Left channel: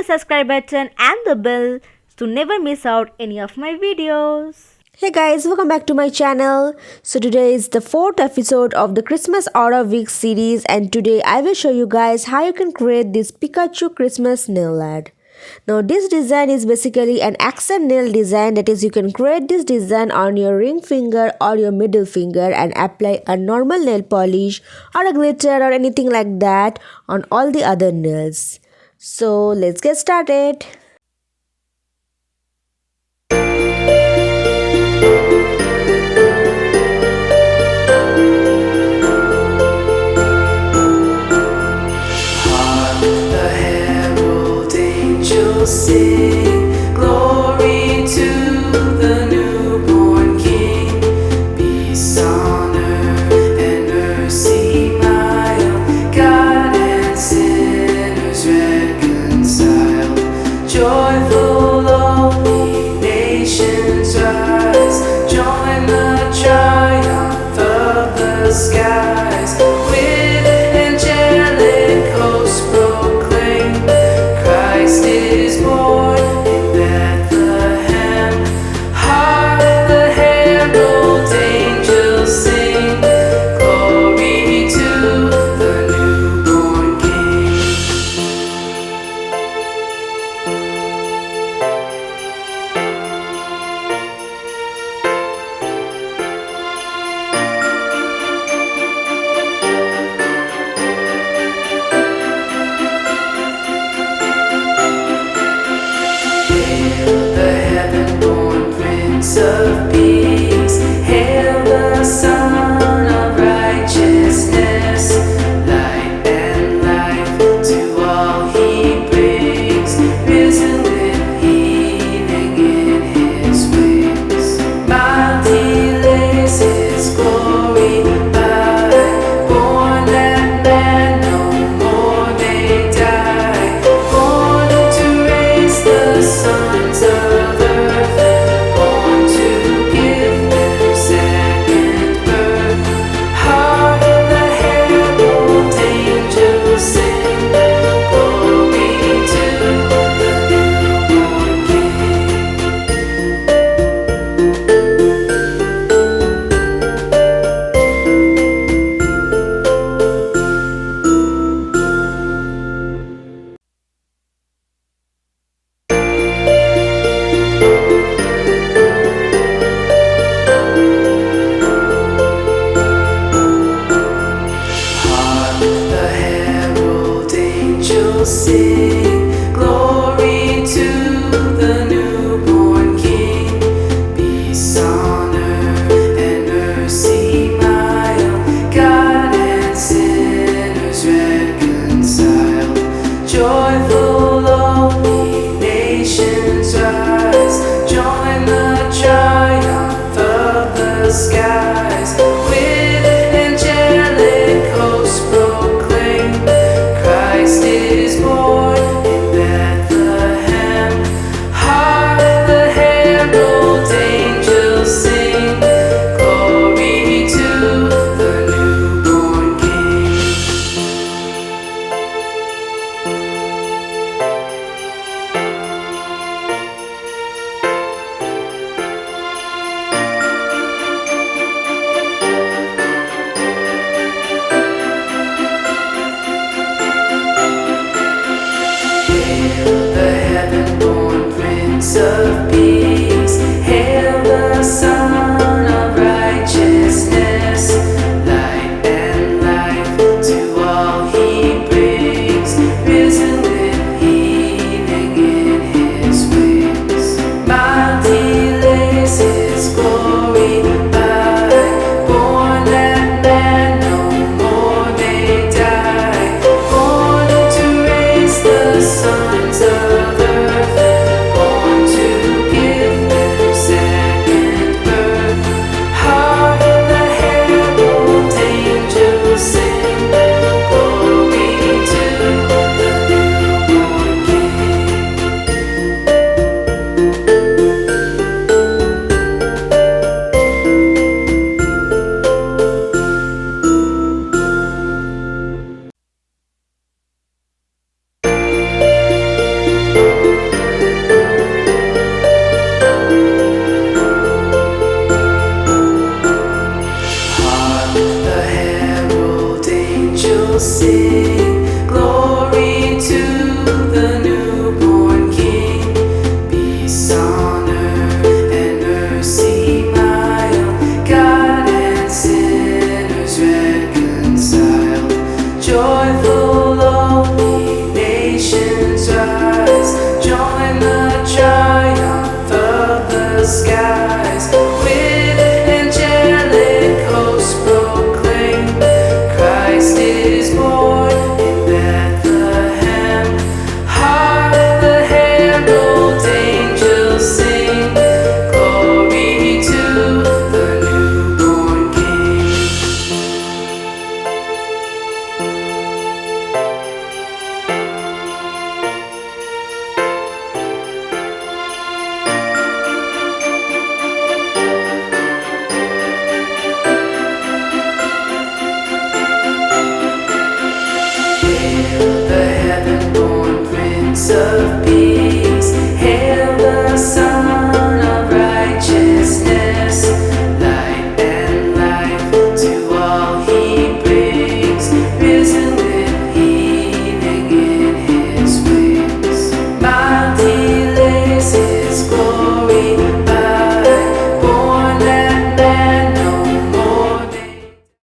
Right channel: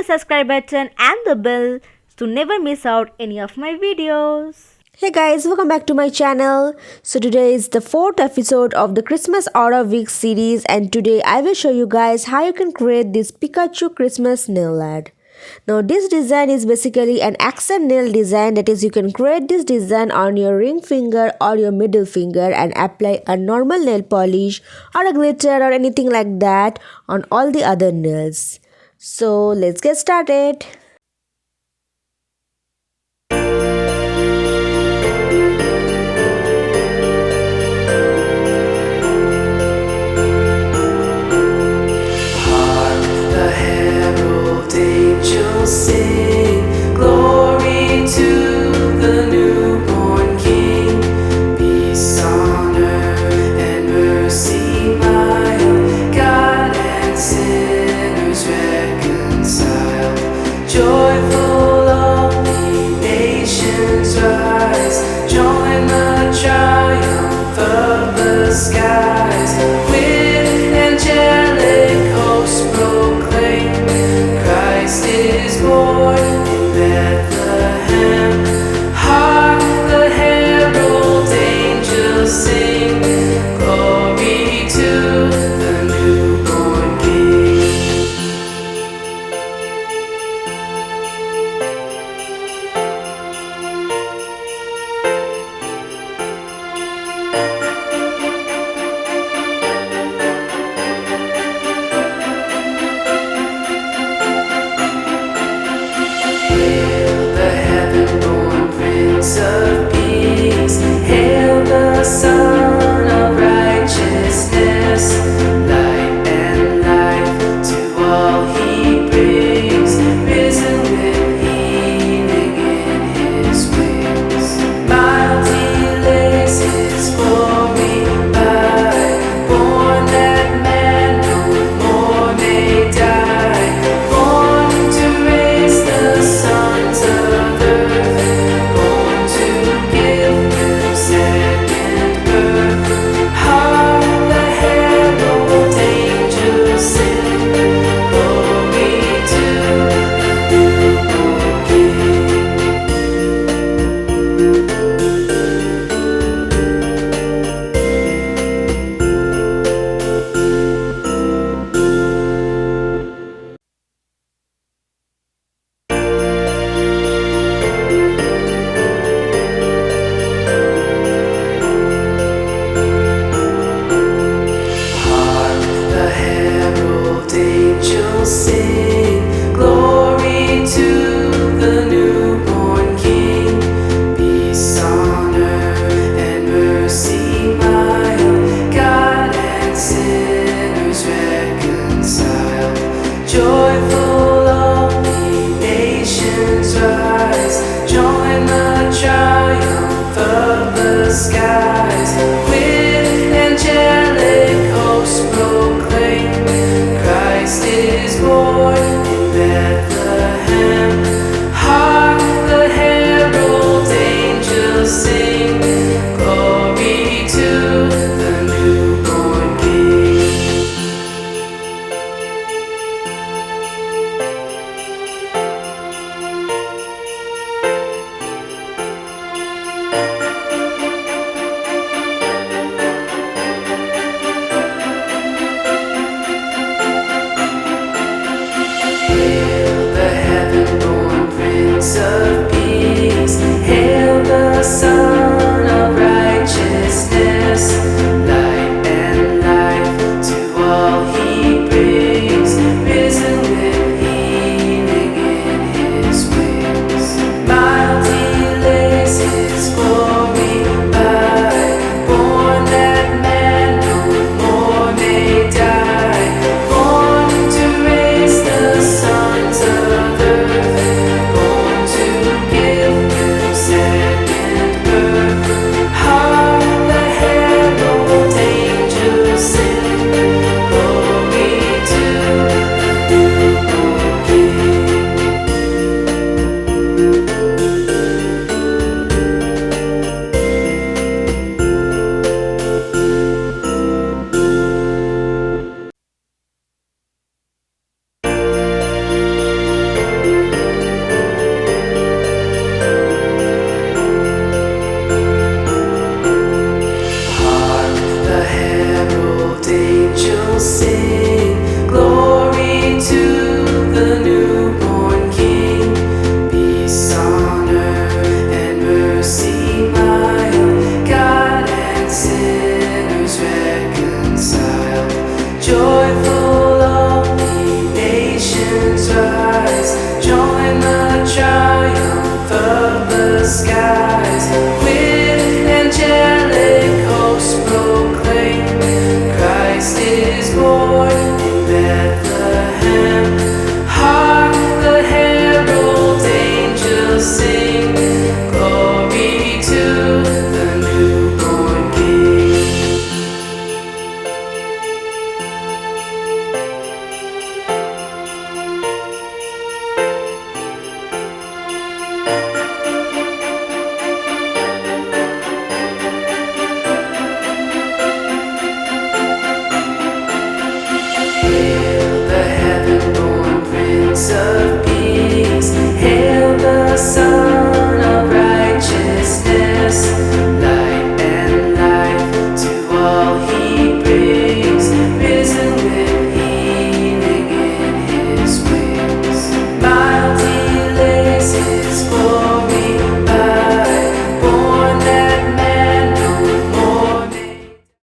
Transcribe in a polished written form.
the subscribe button and the bell to never miss out any of my videos. Hey guys, welcome back to my channel. So today is the fourth episode of the Christmas Art Week series, and today I will show you guys how you can create this Pikachu Christmas Nail Art. Now this design is basically an accent nail design, that is you can create this design on your ring finger or your middle finger and apply a normal nail polish or a glitter or anything like that on all the other nails. So let's get started. Sing glory to the newborn King. Peace on earth and mercy mild, God and sinners reconciled. Joyful all ye nations rise, join the triumph of the skies. With angelic hosts proclaim, Christ is born in Bethlehem. Hark the herald angels sing, glory to the newborn King. Heaven-born Prince of Peace, hail the Son of Righteousness. Light and life to all he brings, risen with healing in his wings. Mild he lays his glory by, born that man no more may die, born to raise the sons of sing glory to the newborn King. Peace on earth and mercy mild, God and sinners reconciled. Joyful